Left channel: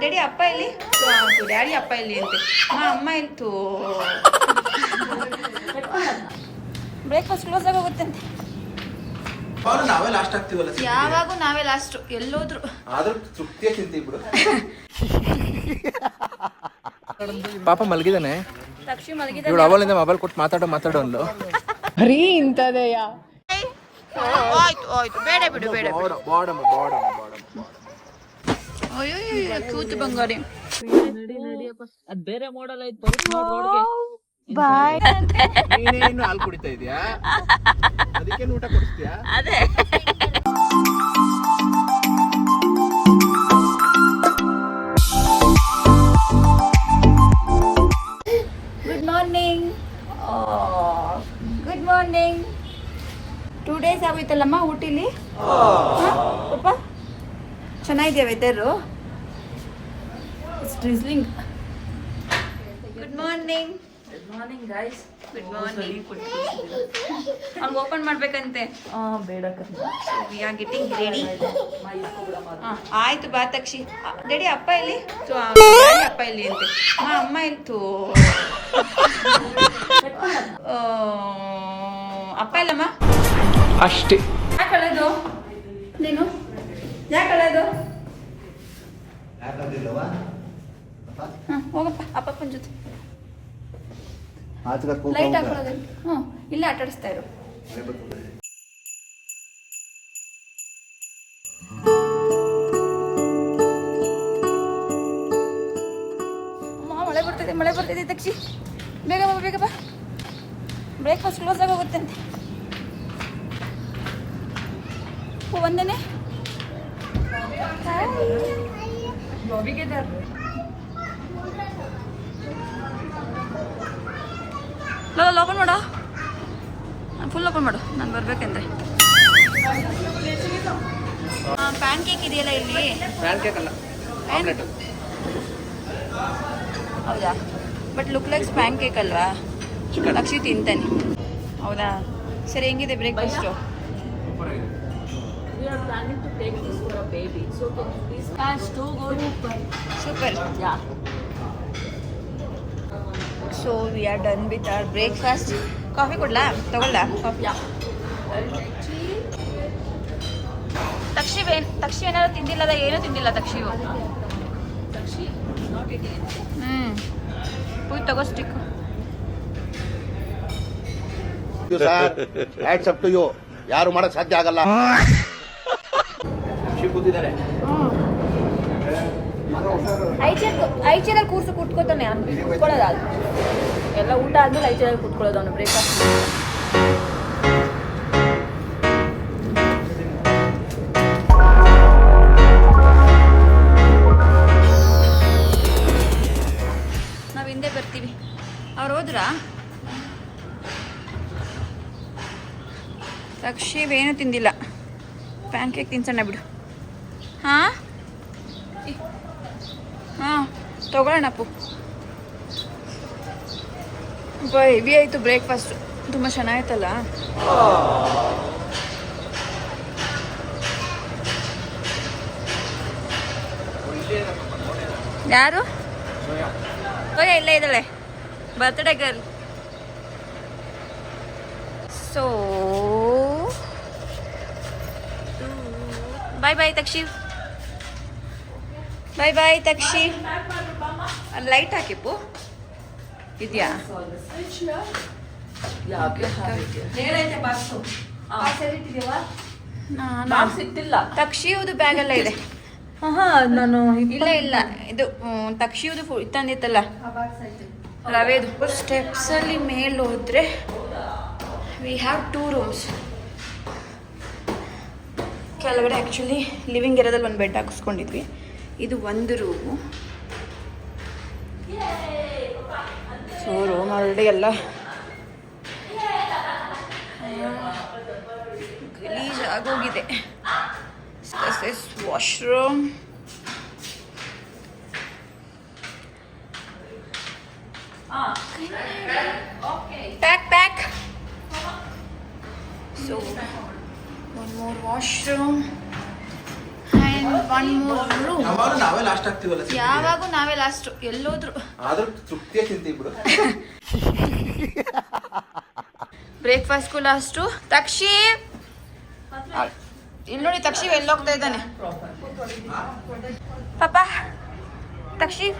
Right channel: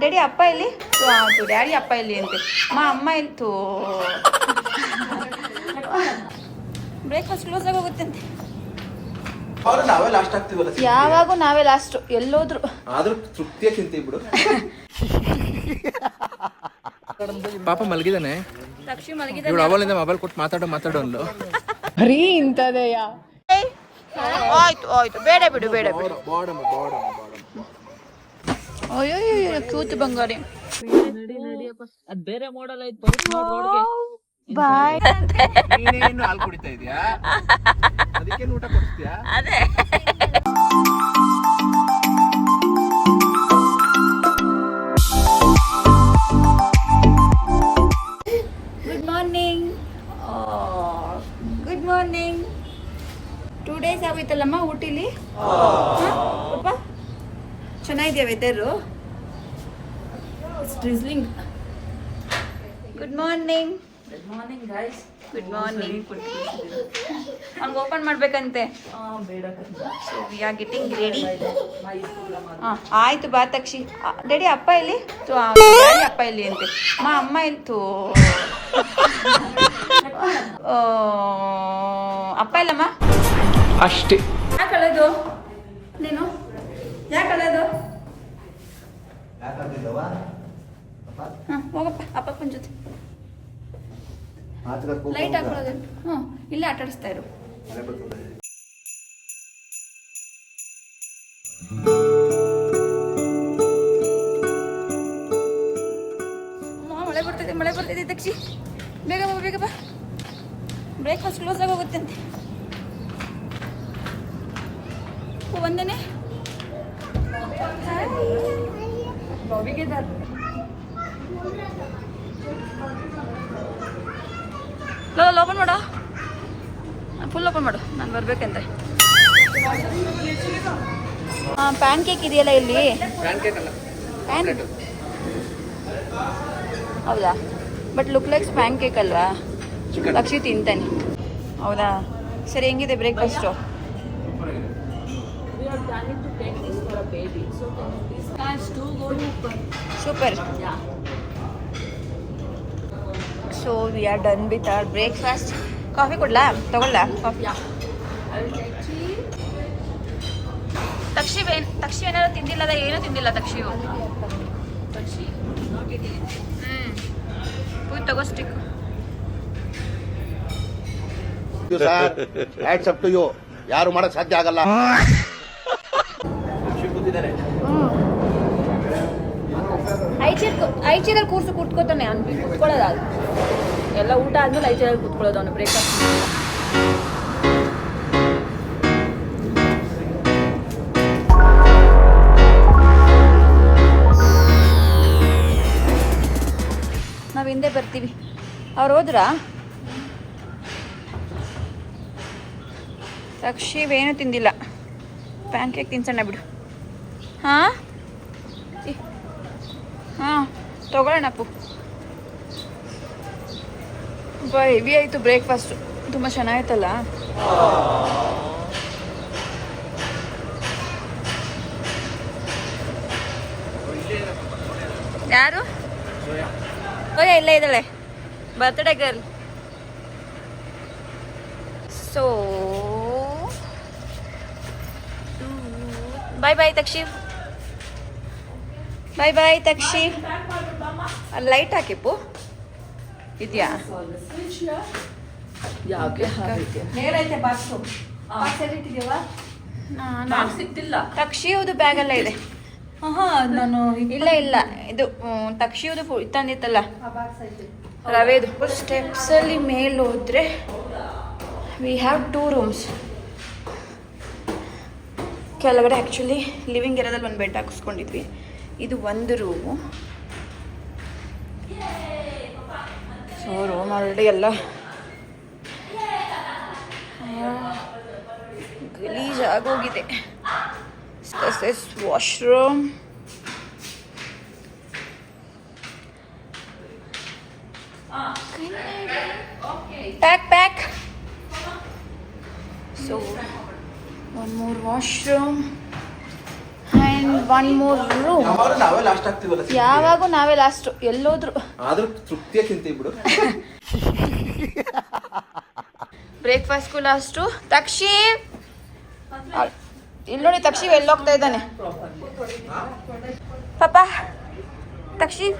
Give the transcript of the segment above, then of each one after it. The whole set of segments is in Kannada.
ಡ್ಯಾಡಿ ಅಪ್ಪ ಇಲ್ಲಿ ಡ್ಯಾಡಿ ಅಪ್ಪ ಇಲ್ಲಿ ಅಂತೆ ಅಮ್ಮ ಇಲ್ತು ಬ್ರೇಕ್ಫಾಸ್ಟ್ ಕ್ಲೋಸ್ ಆಗಿ ಹೋಗುತ್ತಂತೆ. ಯಾವಾಗೂ ನಾವೇ ಲಾಸ್ಟ್ ಎಲ್ಲೋದ್ರು. ಪಾಪ ಮಲಗಿದಾನೆ. ತಕ್ಷಿ ಮಲಗಿದಾನೆ. ಅವಳಿಂದ ಮೊಬೈಲ್ ಕೊಟ್ಟು ಮಾತಾಡೋ ಅಂದ್ಲು. ಬರೀ ಇಂಥದೆಯಾ? ಆಯ್ತು ಬೇಡ ಬಿಡು ಅಯ್ಯೋ ಕ್ಯೂಟ್ ಬಂಗಾರಿ. ಅದ್ ಬೇರೆ ಮಾಡಲ್ ಐತ್ ಬರುತ್ತೆ ನೋಡ್ ರೋಡ್ಗೆ. ಬಾಯ್. ನೀನೇನು ಹಾಲು ಕುಡಿತಾ ಇದೀಯಾ? ಅದಕ್ಕೆ ಊಟ ಕೊಡ್ತೀಯಾ? ಅದೇ. ಗುಡ್ ಮಾರ್ನಿಂಗ್ 2 days ಆಗೋಯ್ತಲ್ಲಮ್ಮ ಊಟಿಲಿ. ಪಾಪ ಚೆನ್ನಾಗಿದೆಯಾ weather? It's drizzling. Good morning guys. Good morning. ಅವ್ನು ಓಪನ್ ಮಾಡ್ಬೇಕಂತೆ. So we are getting ready. ಆಯ್ತು ಬಾ ತಕ್ಷಿ. ಡ್ಯಾಡಿ ಅಪ್ಪ ಇಲ್ಲಿ ಡ್ಯಾಡಿ ಅಪ್ಪ ಇಲ್ಲಿ ಅಂತೆ ಅಮ್ಮ ಇಲ್ತು ಅಪ್ಪ ಇಲ್ಲಮ್ಮ ಅಷ್ಟೇ. ಯಾಕೆ ಕಳೆದು ನೀನು? ಯಾಕೆ ಕಳೆದು? ಹೋಗಪ್ಪ ಅಪ್ಪಪ್ಪನ ಜೊತೆ. ಲೈಟ್ ಹಾಕೊಳ್ಳೋದು. ಇಲ್ಲೇ ಆಟ ಆಡಿಸ್ತಾ ಇರು. ಮಳೆ ಬರ್ತಿದೆ ತಕ್ಷಿ. ಬೇಗ ಬಾ ಬ್ರೇಕ್ಫಾಸ್ಟ್ ಕ್ಲೋಸ್ ಆಗಿ ಹೋಗುತ್ತಂತೆ. ಒಂದೇನೆ ಓಪನ್ ಮಾಡು. ಫುಲ್ ಓಪನ್ ಮಾಡು, ನಾನು ಬರ್ಬೇಕಂದ್ರೆ. ಪ್ಯಾನ್ ಕೇಕ್ ಇದೆಯಲ್ಲ ಇಲ್ಲಿ. ಪ್ಯಾನ್ ಹೌದಾ? But look likes PAN cake ಅಲ್ವಾ? ಲಕ್ಷಿ ತಿಂತಾನೆ. ಹೌದಾ? ಸರಿ, ಹೆಂಗಿದೆ breakfast? We are planning to take this for a baby. So these guys do go Super. Yeah. So we are done with our breakfast. Coffee ಕೊಡ್ಲಾ? ತಗೊಳ್ಳ coffee? I'll take tea. Takshi ಏನಾದ್ರು ತಿಂದಿಲ್ಲ? ಏನೂ ತಿಂದಿಲ್ಲ ತಕ್ಷಿಯು. Takshi, not eating. ಪೂಜ್ ತಗೋ stick. Hats off to you. ಯಾರು ಮಾಡಕ್ ಸಾಧ್ಯ ಆಗಲ್ಲ. ಐಚೇರಲ್ಲಿ ಕೂತ್ಕೋತಾನೆ. ಕೂತ್ಕೊಳ್ಳೋದು ಎಲ್ಲ ಊಟ ಆದ್ಮೇಲೆ ಐಚೇರಲ್ಲಿ ಕೂತ್ಕೊಳ್ಳೋದು ಅವನು ಬ್ರೇಕ್ಫಾಸ್ಟ್. ನಾವು ಹಿಂದೆ ಬರ್ತೀವಿ. ಅವ್ರು ಹೋದ್ರಾ? ತಕ್ಷಿವೇನು ತಿಂದಿಲ್ಲ. ಪ್ಯಾನ್ ಕೇಕ್ ತಿನ್ಸೋಣ ಬಿಡು. ಹಾಂ ತಗೊಳ್ಳೋಣ ಅಪ್ಪು. ಹೆವಿ ಆಯಿತು ಬ್ರೇಕ್ಫಾಸ್ಟ್. ತುಂಬ ಚೆನ್ನಾಗಿತ್ತಲ್ಲ. ಯಾರು? ಓಯ್ ಇಲ್ಲೇ ಇದ್ದಾಳೆ, birthday girl. So bye Takshir. Bye Takshir. Light ಹಾಕಿಪ್ಪು ಇದೆಯಾ? ತಕ್ಷಿಯುದು ಬ್ಯಾಗ್ ಎಲ್ಲ ಇದೆ. ಇಲ್ಲ ಇದು ತಕ್ಷಿಯುದು ತಂದಿತ್ತಲ್ಲ ರವೆದು. ಸ್ಟೆಪ್ಸ್ ಅಲ್ಲಿ ಮೇಲೆ ಹೋದ್ರೆ ವಿ ಹ್ಯಾವ್ 2 rooms. ಕೆಳಗಡೆ ಆ್ಯಕ್ಚುಲಿ ಲಿವಿಂಗ್ ಏರಿಯಾದಲ್ಲಿ ಒಂದು ಬೆಡ್ ಹಾಕಿಸ್ಕೊಂಡಿದ್ವಿ. ಇದು ಒಂದು ರೂಮು. ಸೊ ರೂಮ್ ಆಲ್ರೆಡಿ ಎಲ್ಲ ಗಲೀಜಾಗೋಗಿದೆ. This is washroom. Pack. So one more washroom and one ಮೂರ್ ರೂಮ್. ನಾವೇ ಲಾಸ್ಟ್ ಆಗ್ತೀವಲ್ಲ. ಯಾವಾಗೂ ನಾವೇ ಲಾಸ್ಟ್ ಎಲ್ಲೋದ್ರು. ಆದ್ರೂ ತೃಪ್ತಿಯ ತಿಂತೀವಿ ಬಿಡು. ಬ್ರೇಕ್ಫಾಸ್ಟ್ಗೂ ಲಾಸ್ಟು. ತಕ್ಷೀವ್ ಇಲ್ಲಿ ನೋಡಿ, ತಕ್ಷೀವ್ ಎಲ್ಲೋಗ್ತಾ ಇದ್ದಾನೆ ಪಾಪ. ತಕ್ಷೀವ್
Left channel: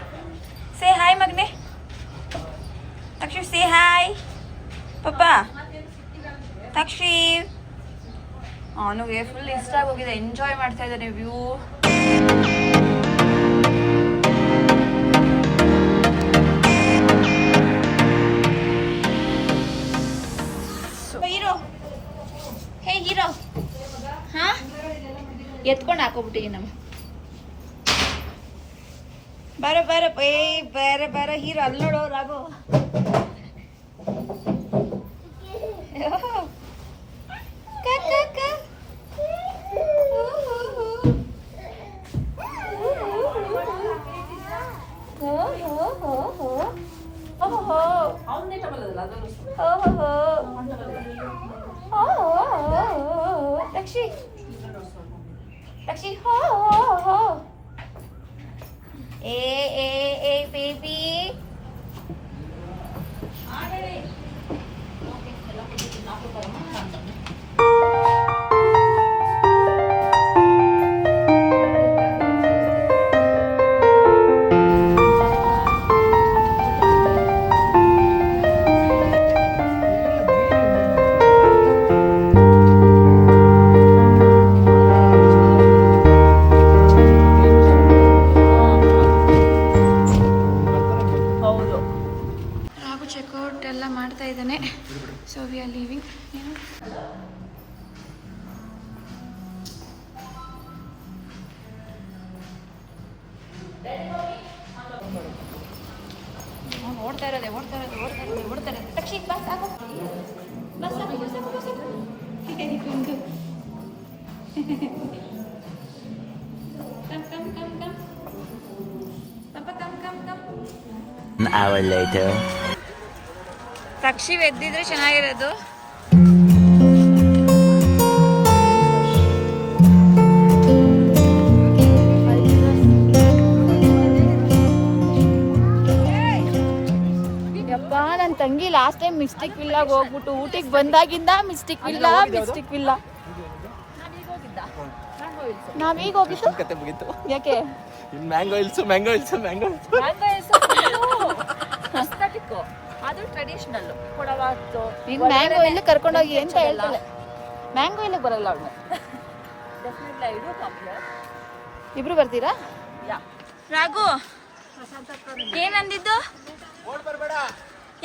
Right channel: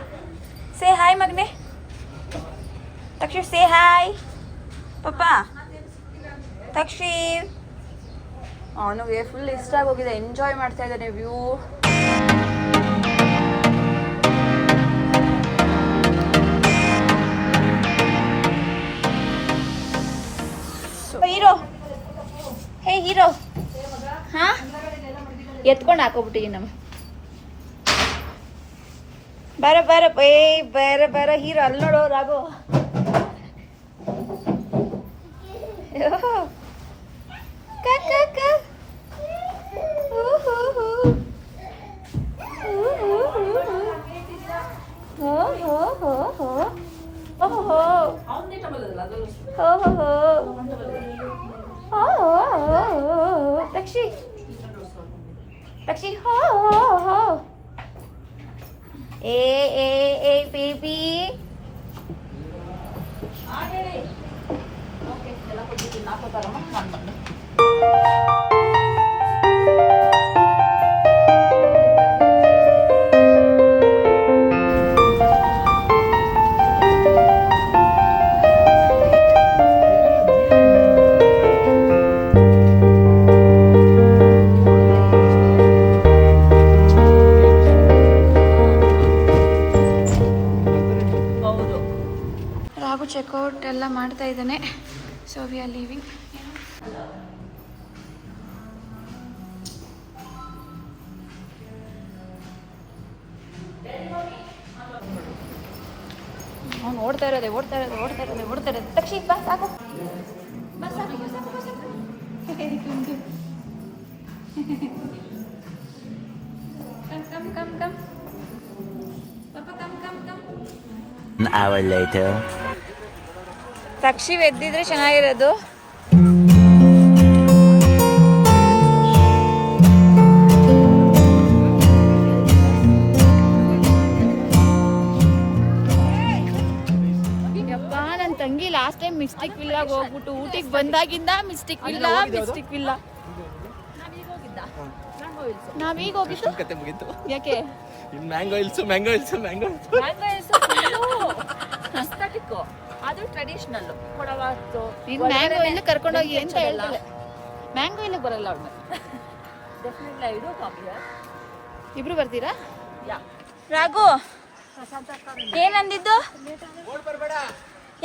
ಸೇ ಹಾಯ್ ಮಗನೆ. ತಕ್ಷೀವ್ ಸೇ ಹಾಯ್ ಪಾಪ. ತಕ್ಷೀವ್ ಅವನಿಗೆ ಫುಲ್ ಇಷ್ಟ ಆಗೋಗಿದೆ, ಎಂಜಾಯ್ ಮಾಡ್ತಾ ಇದ್ದಾನೆ ವ್ಯೂ. ಹೀರೋ, ಹೇ ಹೀರೋ, ಹಾ ಎತ್ಕೊಂಡು ಹಾಕೋಬಿಟ್ಟು ಇನ್ನು ಬೇರೆ ಬೇರೆ ಬೇರೆ ಬೇರೆ ಹೀರೋ. ಅಲ್ಲಿ ನೋಡು Raghu. Lakshi, ho. Hey, baby. Checkout ಎಲ್ಲ ಮಾಡ್ತಾ ಇದ್ದಾನೆ. So we are leaving. ಓಡ್ತಾ ಇರೋದೆ. ತಕ್ಷಿ ಬಾ ಸಾಕು. ಕಮ್. ಪಾಪ ಕಮ್. An hour later. ತಕ್ಷಿವ್ ಎದ್ದಿದ್ರೆ ಚೆನ್ನಾಗಿರೋದು. ಯಪ್ಪ, ನನ್ನ ತಂಗಿ ಲಾಸ್ಟ್ ಟೈಮ್ ಮಿಸ್ಟಿಕ್ ವಿಲ್ಲಾಗ ಹೋಗ್ಬಿಟ್ಟು ಊಟಿಗೆ ಬಂದಾಗಿಂದ ಮಿಸ್ಟಿಕ್ ವಿಲ್ಲ. ನಾವೀಗ ಹೋಗಿದ್ದು ಕತೆ ಮುಗೀತು. ಯಾಕೆ? ಮ್ಯಾಂಗೋ ಹಿಲ್ಸ್ ಅದು ಟ್ರೆಡಿಷನಲ್ ಕೊಡವಾತು. ಮ್ಯಾಂಗೋ ಇಲ್ಲಿ ಕರ್ಕೊಂಡೋಗಿ ಅಂತ ಹೇಳ್ತಾಳೆ. ಮ್ಯಾಂಗೋ ಇಲ್ಲಿಗೆ ಬರಲ್ಲ ಅವಳು. ಇಬ್ರು ಬರ್ತೀರಾ? ರಾಘು ಏನಂದಿದ್ದು?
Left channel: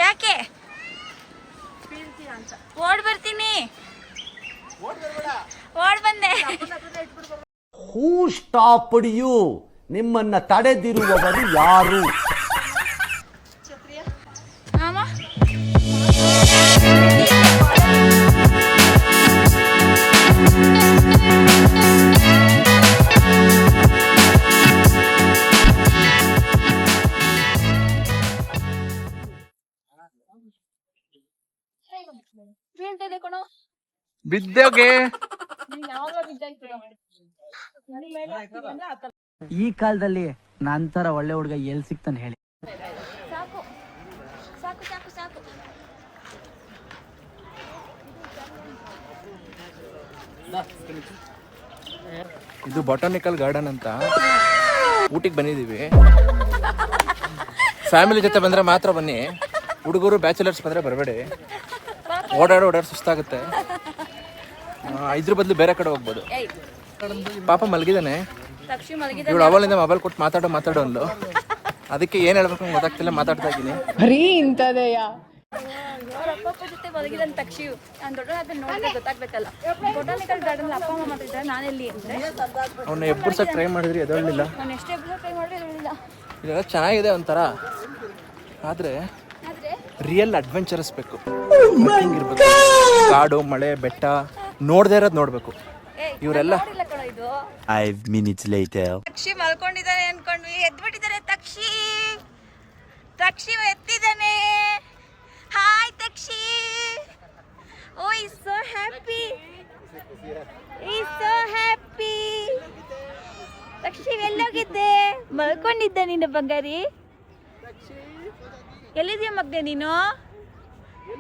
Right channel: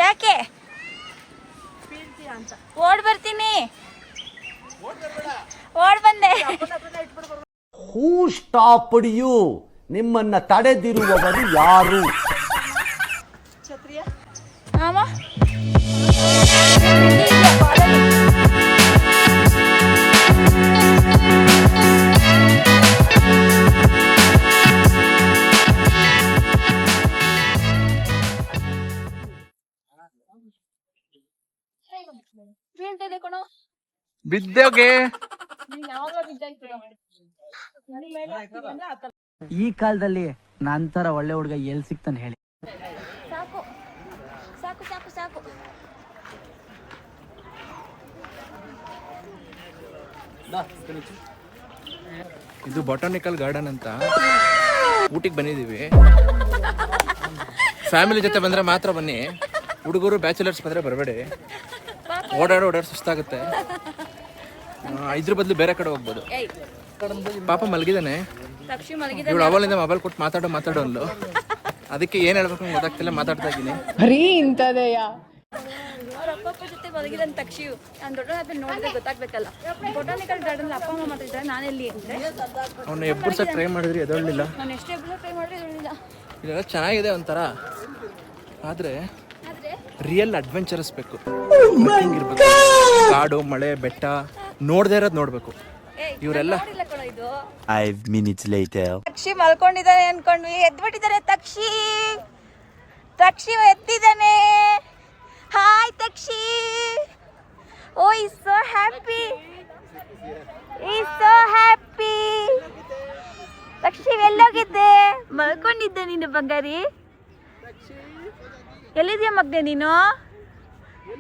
ಯಾಕೆ ಓಡ್ ಬರ್ತೀನಿ? ಓಡ್ ಬಂದೆ. Who stopped you? ನಿಮ್ಮನ್ನ ತಡೆದಿರುವವರು ಯಾರು? ಆಮ ಬಿದ್ದೋಗೆ. ಈ ಕಾಲದಲ್ಲಿ ನಂತರ ಒಳ್ಳೆ ಹುಡುಗ ಎಲ್ಲಿ ಸಿಗ್ತಾನೆ ಹೇಳಿ? ಇದು ಬೊಟಾನಿಕಲ್ ಗಾರ್ಡನ್ ಅಂತ ಊಟಿಗೆ ಬಂದಿದ್ದೀವಿ. ಫ್ಯಾಮಿಲಿ ಜೊತೆ ಬಂದ್ರೆ ಮಾತ್ರ ಬನ್ನಿ, ಹುಡುಗರು ಬ್ಯಾಚುಲರ್ಸ್ ಬಂದ್ರೆ ಬರಬೇಡಿ. ಓಡಾಡಿ ಸುಸ್ತಾಗುತ್ತೆ. ಇದ್ರ ಬದಲು ಬೇರೆ ಕಡೆ ಹೋಗ್ಬೋದು. ಪಾಪ ಮಲಗಿದಾನೆ. ಇವಳು ಅವಳಿಂದ ಮೊಬೈಲ್ ಕೊಟ್ಟು ಮಾತಾಡೋ ಅಲ್ಲೂ. ಅದಕ್ಕೆ ಏನ್ ಹೇಳ್ಬೇಕು ಗೊತ್ತಾಗ್ತಿಲ್ಲ, ಮಾತಾಡ್ತಾ ಇದ್ದೀನಿ. ಬರೀ ಇಂಥದೆಯಾ? ಅವ್ರ ಅಪ್ಪ ಜೊತೆ ಮಲಗಿದಂತ ತಕ್ಷಿವ್ ನಾನು ದೊಡ್ಡ ಅದನ್ನ ನೋಡಿದ್ರೆ ಗೊತ್ತಾಗ್ಬೇಕಲ್ಲ. ಬೊಟಾನಿಕಲ್ ಗಾರ್ಡನ್ ಅಪ್ಪ ಅಮ್ಮ ಮಾತಾಡಿದ್ರೆ ನಾನೆಲ್ಲಿ ಅಂದ್ರೆ ಅವನ್ನ ಎಬ್ಬರ್ಸಕ್ ಟ್ರೈ ಮಾಡಿದ್ರಿ, ಎದೊಳ್ಳಿಲ್ಲ. ನಾನು ಎಷ್ಟೇ ಟ್ರೈ ಮಾಡಿದ್ರೆ ಎದೊಳ್ಳಿಲ್ಲ. ಇದೆಲ್ಲ ಚೆನ್ನಾಗಿದೆ ಒಂಥರ, ಆದ್ರೆ ರಿಯಲ್ ಅಡ್ವೆಂಚರಸ್ ಬೇಕು. ಕಾಡು, ಮಳೆ, ಬೆಟ್ಟ ನೋಡ್ದೇ ಇರೋದು ನೋಡ್ಬೇಕು. ಇವರೆಲ್ಲ 5 minutes later. ತಕ್ಷಿ ಮಲ್ಕೊಂಡಿದ್ದಾನೆ ಅನ್ಕೊಂಡ್ವಿ, ಎದ್ಬಿಟ್ಟಿದ್ದಾರೆ. ತಕ್ಷಿ ಎತ್ತಿದ್ದಾನೆ. Hi Takshi. Oh is so happy. Takshi ಎಲ್ಲೋಗಿದ್ದೆ? ಮಲ್ಕೊಂಡಿದ್ದೆ ನೀನು ಬಂಗಾರಿ. ಎಲ್ಲಿದ್ಯಾ ಮಗ್ನೆ ನೀನು?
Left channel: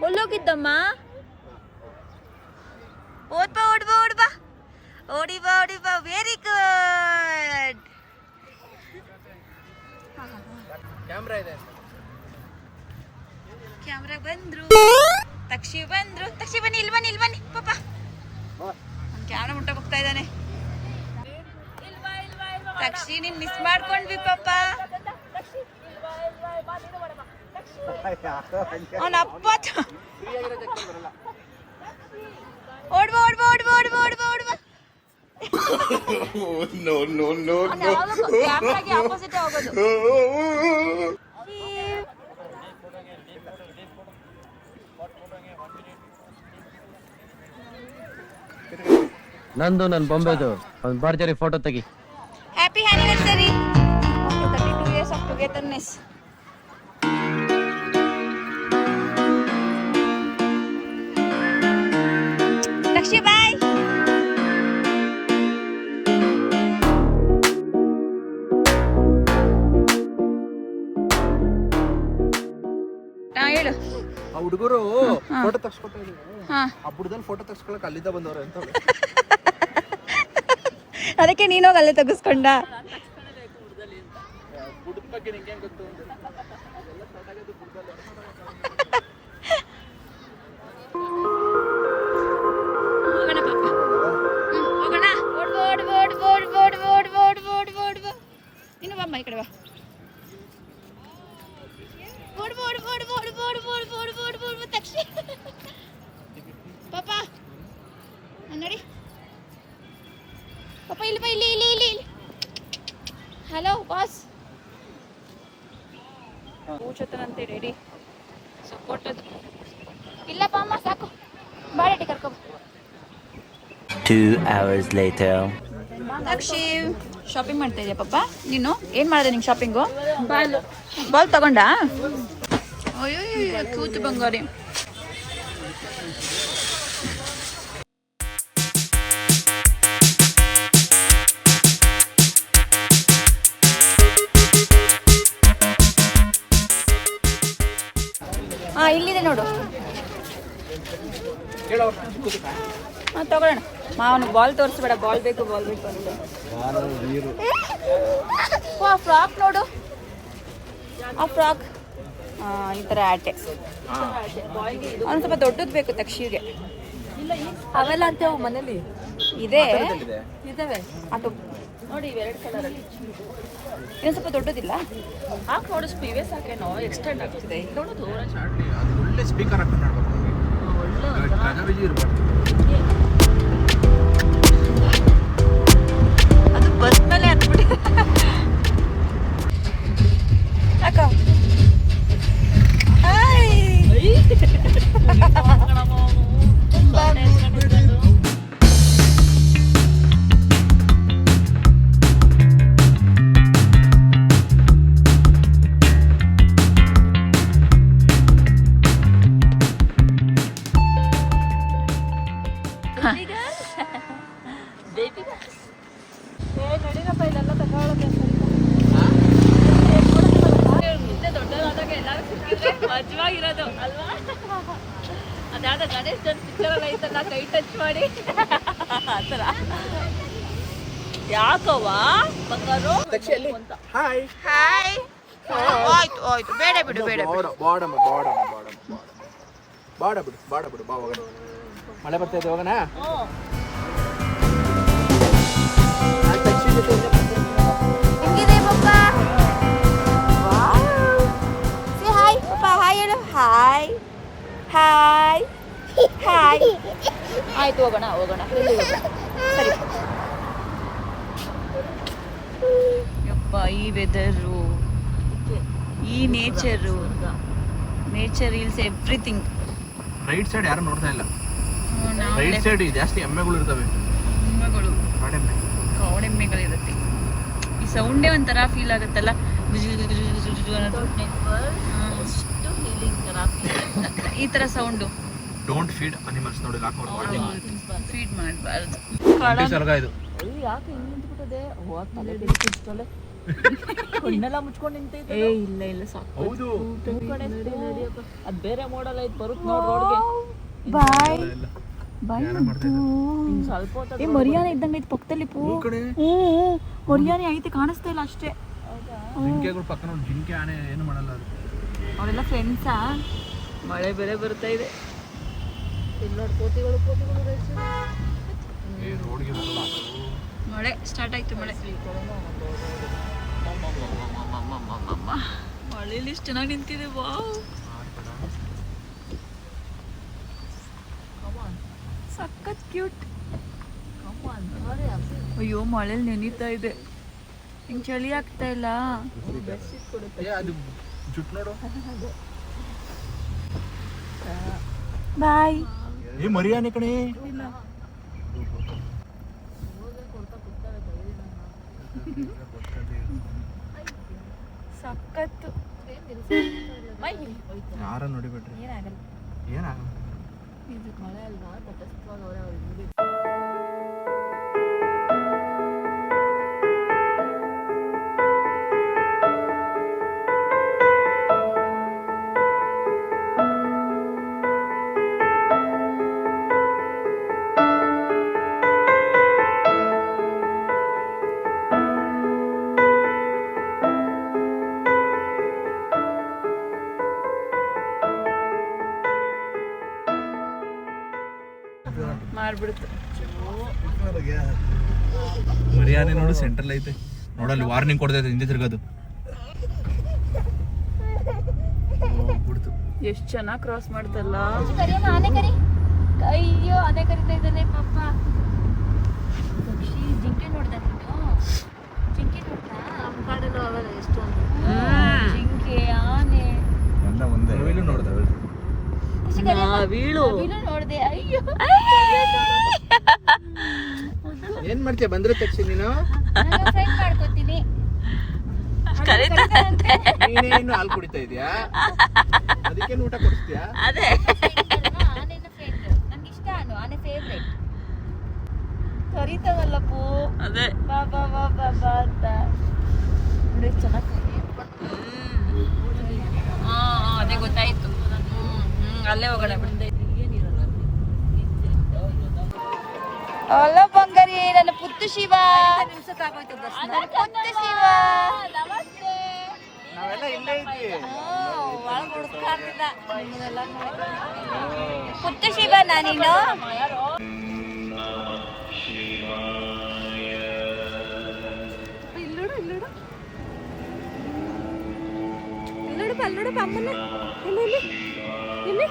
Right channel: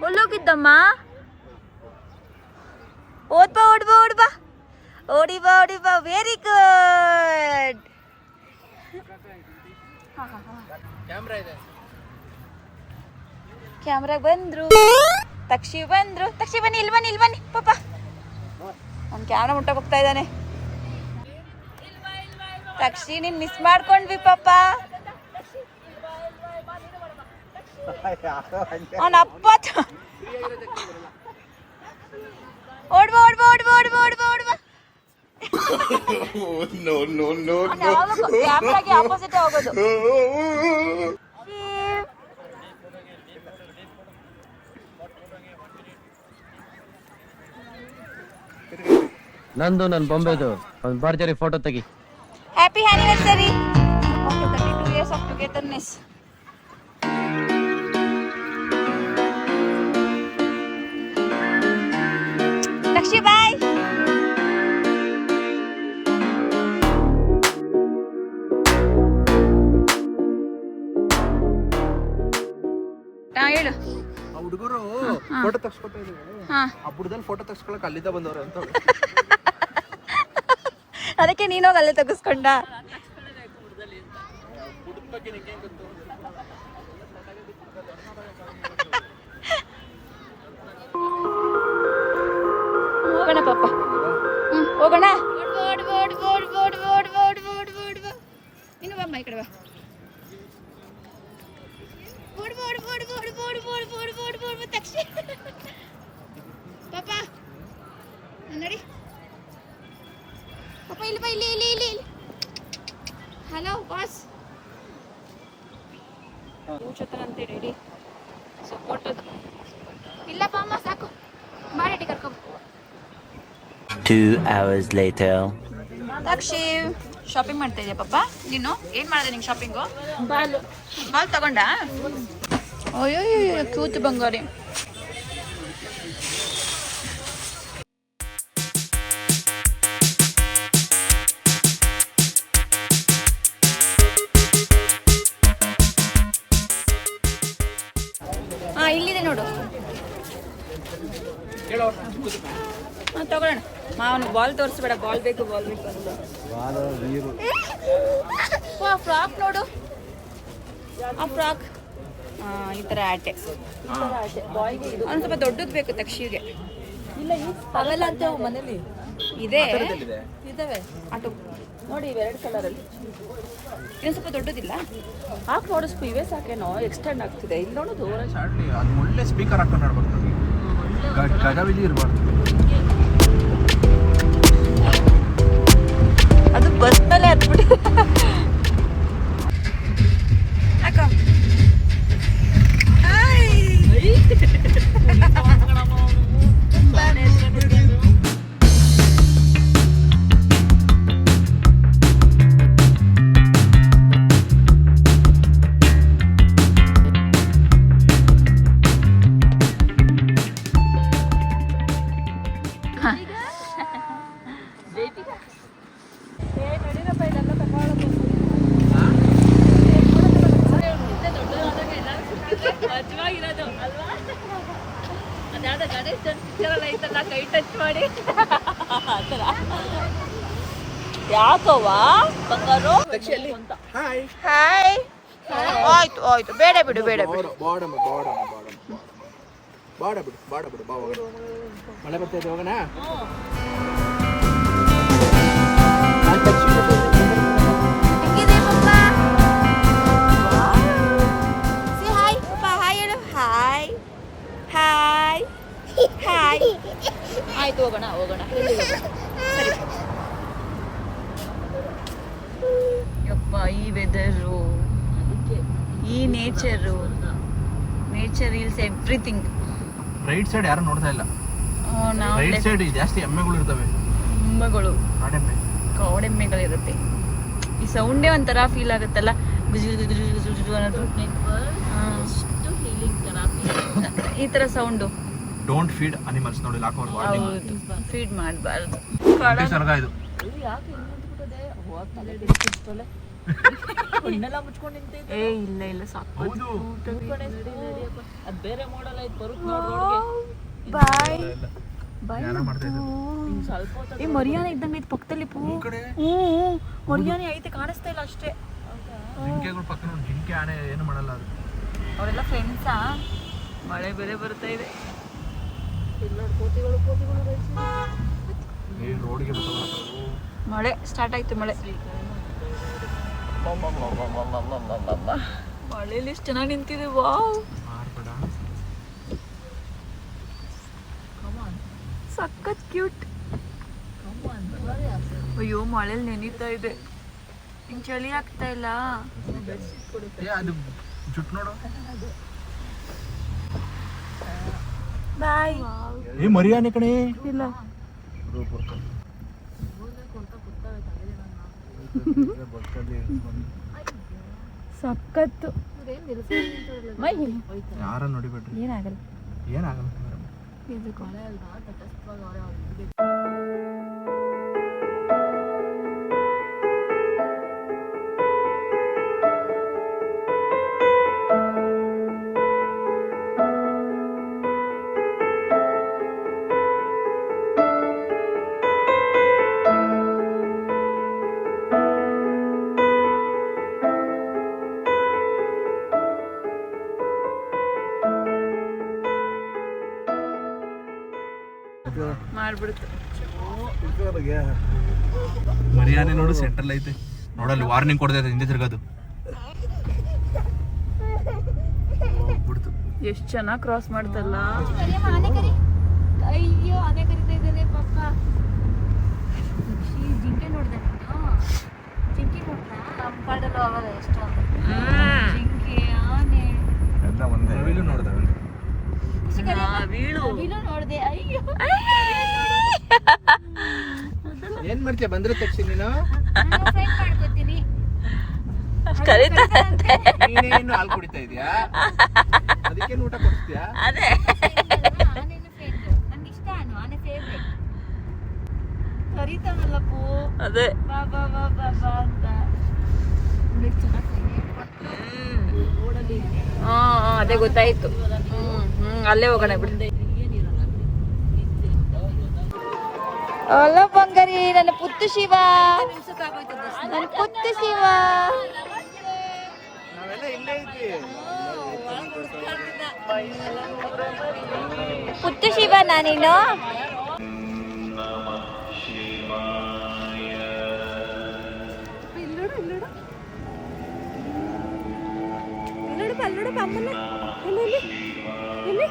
ಎಲ್ಲೋಗಿದ್ದಮ್ಮ? ಓಡ್ಬಾ ಓಡ್ಬಾ ಓಡ್ಬಾ ಓಡಿಬಾ ಓಡಿಬಾ. Very good. ಕ್ಯಾಮ್ರಾ ಇದೆ. ಕ್ಯಾಮ್ರಾ ಬಂದ್ರು. ತಕ್ಷಿ ಬಂದ್ರು. ತಕ್ಷಿ ಬನ್ನಿ, ಇಲ್ಲಿ ಬನ್ನಿ, ಇಲ್ಲಿ ಬನ್ನಿ ಪಾಪ. ಅವ್ನು ಕ್ಯಾಮ್ರಾ ಮುಟ್ಟಕ್ಕೆ ಹೋಗ್ತಾ ಇದ್ದಾನೆ. ತಕ್ಷಿ ನೀನ್ ಮಿಸ್ ಮಾಡ್ಕೊಂಡ್ವಿ ಪಾಪ. ಅವನ ಅಪ್ಪ ಓಡ್ಬಾ ಓಡ್ಬಾ ಓಡ್ಬಾ ಓಡ್ಬಾ ಓಡ್ಬಾ ಓಡ್ಬಾ. ಕ್ಯಾಮ್ರಾಗೆ ಆಪೋಸಿಟ್ ಹೋಗೋದು. ನಂದು ನನ್ನ ಬೊಂಬೆದು ಒಂದು ಭರ್ಜರಿ ಫೋಟೋ ತೆಗಿ. Happy anniversary. Okay, 32 years of togetherness. ತಕ್ಷಿ ಬಾಯ್. ಹೇಳು. ಆ ಹುಡುಗರು ಫೋಟೋ ತಗ್ಸ್ಕೊತಾ ಇದ್ರು. ಹಾ, ಆ ಬುಡದಲ್ಲಿ ಫೋಟೋ ತಗ್ಸ್ಕೊಳಕ್ ಅಲ್ಲಿದ್ದ ಬಂದವ್ರೆ ಅಂತ. ಅದಕ್ಕೆ ನೀನೋಗಿ ಅಲ್ಲೇ ತೆಗಿಸ್ಕೊಂಡ. ಹೋಗೋಣ ಪಾಪ. ಹೋಗೋಣ. ನೀನು ಬಮ್ಮ ಈ ಕಡೆ ಬಾ. ತಕ್ಷಣ ಪಾಪ ನಡಿ ಪಾಪ. ಇಲ್ಲಿ ಬಾ, ಇಲ್ಲಿ ಇಲ್ಲಿ ಇಲ್ಲಿ ಇಲ್ಲಿ. Hello boss. ಕೂಚತನಂತೆ ರೆಡಿ ಸಪೋರ್ಟದು. ಇಲ್ಲಪ್ಪ ಅಮ್ಮ ಸಾಕು. ಬಾಡಿ ಕರ್ಕೊ. 2 hours later. ದಕ್ಷಿ ಶಾಪಿಂಗ್ ಮಾಡ್ತಾ ಇದೆಯಾ ಪಾಪ? ನೀನು ಏನ್ ಮಾಡಿದೆ ನಿಂಗೆ ಶಾಪಿಂಗು? ಬಾಲ್ ತಗೊಂಡ? ಅಯ್ಯೋ ಕ್ಯೂಟ್ ಬಂಗಾರಿ. ಹಾ, ಇಲ್ಲಿದೆ ನೋಡು. ಹಾ, ತಗೊಳ್ಳೋಣ. ಅವನಿಗೆ ಬಾಲ್ ತೋರಿಸ್ಬೇಡ. ಬಾಲ್ ಬೇಕು ಬಾಲ್ ಬೇಕು ಅಂದ್ರು. ಆ ಫ್ರಾಕ್ ನೋಡು. ಆ ಫ್ರಾಕ್ ಈ ಥರ ಆಟೆ. ಅವ್ನು ಸ್ವಲ್ಪ ದೊಡ್ಡದು ಬೇಕು ತಕ್ಷಿಗೆ. ಅವೆಲ್ಲ ಅಂತ ಮನೇಲಿ ಇದೆ ಇದಾವೆ ಆಟೋ ನೋಡಿ. ಇವೆರಡು ಕಲರಲ್ಲಿ ಇನ್ನೊಂದು ಸ್ವಲ್ಪ ದೊಡ್ಡದಿಲ್ಲ. ಹಾಕಿ ನೋಡಿಸ್ಕು. ಇವೇ ಸಾಕೇನೋ ಎಕ್ಸ್ಟೆಂಡ್ ಆಗ್ತಿದೆ. ಇಲ್ಲಿ ನೋಡೋದು ಅದು ಒಳ್ಳೆ ಸ್ಪೀಕರ್ ಹಾಕೊಂಡು ನೋಡ್ಬೇಕು. ಗದವಿಜಿ ಇರ್ಬಾರ್ದು. ಅದು ಬಸ್ನಲ್ಲೇ ಹತ್ಬಿಡಿ. ಅಕ್ಕ ಮಜವಾಗಿರೋದು ಅಲ್ವಾ? ಅದಾದ ಗಣೇಶ್ ಪಿಕ್ಚರಲ್ಲಿ ಐತಲ್ಲ, ಕೈ ಟಚ್ ಮಾಡಿ ಆ ಥರ. ಯಾಕವ್ವಾ ಬಂಗಾರು? Hi hi. ಆಯ್ತು ಆಯ್ತು, ಬೇಡ ಬಿಡು ಬೇಡ ಬಿಡು. ಬಾಡ ಬಿಡು ಬಾ ಹೋಗೋಣ. ಮಳೆ ಬರ್ತಾ ಇದೆ, ಹೋಗೋಣ. ಹೆಂಗಿದೆ ಪಪ್ಪ? ಸೇ ಹಾಯ್ ಪಪ್ಪ. ಹಾಯ್ ಹೇಳು. Hi hi hi. ಆಯ್ತು, ಹೋಗೋಣ ಹೋಗೋಣ. ಸರಿ. ಯಪ್ಪ, ಈ ವೆದರು, ಈ nature. Nature eels everything. Right side ಯಾರು ನೋಡ್ತಾ ಇಲ್ಲ. ನಾವು ರೈಟ್ ಸೈಡ್ ಜಾಸ್ತಿ ಎಮ್ಮೆಗಳು ಇರ್ತವೆ. ಎಮ್ಮೆಗಳು, ಕಾಡೆಮ್ಮೆಗಳಿರುತ್ತೆ. ಈ ಸೌಂಡೇ ಒಂಥರ ಫೀಲ್ ಆಗುತ್ತಲ್ಲ, ಗುಜು ಗುಜು ಗುಜು ಗುಜು ಗುಜು ಅನ್ನೋದು. ಈ ತರ ಸೌಂಡು. ಡೋಂಟ್ ಫೀಡ್ ಅನಿಮಲ್ಸ್ ನೋಡಿ. ಹೌದು, ಫೀಡ್ ಮಾಡಬಾರ್ದು. ಸರ್ಗ ಇದು. ಕಣ್ಣೆಲ್ಲ ಮುಚ್ಕೊಂಡು ನಿಂತೈತೆ. ಏ ಇಲ್ಲ ಇಲ್ಲ ಸಾಕು. ಅದ್ ಬೇರೆ ಮಾಡಲ್ ಐತ್ ಬರುತ್ತೆ ನೋಡ್ ರೋಡ್ಗೆ. ಬಾಯ್ ಬಾಯ್. ಸ್ವಲ್ಪ ಹೊತ್ತು ಏ ಮರಿಯಾನೆ ಇದ್ದಂಗೆ ಐತೆ ಪಕ್ಕದಲ್ಲಿ ಪೂ. ಹ್ಞೂ ಮರಿಯಾನೆ ಐತೆ, ಕಾಣಿಸ್ತಾ ಇಲ್ಲ ಅಷ್ಟೇ. ಜಿಂಕೆಗಳು ಪಕ್ಕ ನೋಡಿ, ಜಿಂಕೆ ಆನೆ ಏನು ಮಾಡಲ್ಲ ಅದು. ಅವರೆಲ್ಲ ಫ್ರೆಂಡ್ಸಾ? ಮಳೆ ಬೇರೆ ಬರ್ತಾ ಇದೆ. ರೋಡ್ಗೆ ಮಳೆ ಸ್ಟಾರ್ಟ್ ಆಯ್ತು. ಮಳೆ ಮಳೆಯಲ್ಲಿ ಎಷ್ಟು ಚೆನ್ನಾಗಿ ನಿಂತಿದೆ. ವಾವ್, ಸಖತ್ ಕ್ಯೂಟ್. ಅಯ್ಯೋ ಮಳೆಯಲ್ಲಿ ನೆನೀತಾ ಇದೆ. ಹಿಂಗೆ ಚಳಿ ಆಗ್ತಾ ಇಲ್ಲ. ಅದು ಜುಟ್ ನೋಡು. ಬಾಯ್. ಏ ಮರಿಯಾನೆ ಕಣೆ. ಇಲ್ಲ ಸಖತ್ತು. ಯಾರ ನೋಡಿಬಿಟ್ರಿ ಏನಾಗಲ್ಲ. ಏನಾಗಲ್ಲ. ಇದಕ್ಕೂ ಮಾಡ್ಬಿಡುತ್ತೆ. ಮರಿಯಾನೆ ನೋಡು, ಸೆಂಟ್ರಲ್ ಐತೆ ನೋಡಲ್ಲಿ. ವಾರ್ನಿಂಗ್ ಕೊಡ್ತೈತೆ ಹಿಂದೆ ತಿರ್ಗೋದು. ಎಷ್ಟು ಚೆನ್ನಾಗಿ ಕ್ರಾಸ್ ಮಾಡ್ತಲ್ಲ. ಅಯ್ಯೋ ಅದೇ ಕರಿತಾ ಇದ್ದಾನೆ ಪಾಪ. ಜಿಂಕೆ ನೋಡ್ದೆ ಜಿಂಕೆ ನೋಡ್ತಾ ನಮ್ಮ ಕಾಡಲ್ಲೂ ಅವಾಗ ಎಷ್ಟೊಂದು ಜಿಂಕೆ ಆನೆ ನವಿಲು ನೋಡ್ದ. ನವಿಲು ನೋಡ್ದೆ. ಅಯ್ಯೋ ಏನ್ ಮಾಡ್ತೀಯ ಬಂದ್ರೆ ತಕ್ಷಣ ನೀನು? ಫ್ರೆಂಡ್ ಮಾಡ್ಕೊತೀನಿ. ಕರೀತಾರಂತೆ. ನೀನೇನು ಹಾಲು ಕುಡಿತಾ ಇದೀಯಾ? ಅದಕ್ಕೆ ಊಟ ಕೊಡ್ತೀಯಾ? ಅದೇ ಆನೆನ ಫ್ರೆಂಡ್ ನಂಗೆ ಇಷ್ಟ. ಆನೆ ಫೇವ್ರೇಟ್. ಕರೀತಾವಲ್ಲಪ್ಪು. ಅದೇ ಬಾ ಬಾ ಬಾ ಬಾ ಬಾ ಅಂತ ಚೆನ್ನಾಗಿ. ಅದೇ ಗೊತ್ತಾಯ್ತು. ಅಲ್ಲೇ ಹೋಗೋಣ ಬಿಡು. ಅಲ್ಲ ಬಂಗಾರಿ, ನನ್ನ ಪುಟ್ಟು ಶಿವ. ನನ್ನ ಪುಟ್ಟು ಶಿವ. ನಾವೆಲ್ಲ ಇಲ್ಲೇ ಇದ್ವಿ. ಪುಟ್ಟು ಶಿವ ನಾನಿನ್ನು. ಇಲ್ಲೋಡು ಇಲ್ಲೋಡು ಇಲ್ಲೋಡಪ್ಪ, ಅಲ್ಲೋಡಪ್ಪ ಅಮ್ಮನ. ಇಲ್ಲಿ ಇಲ್ಲಿ ಇಲ್ಲಿ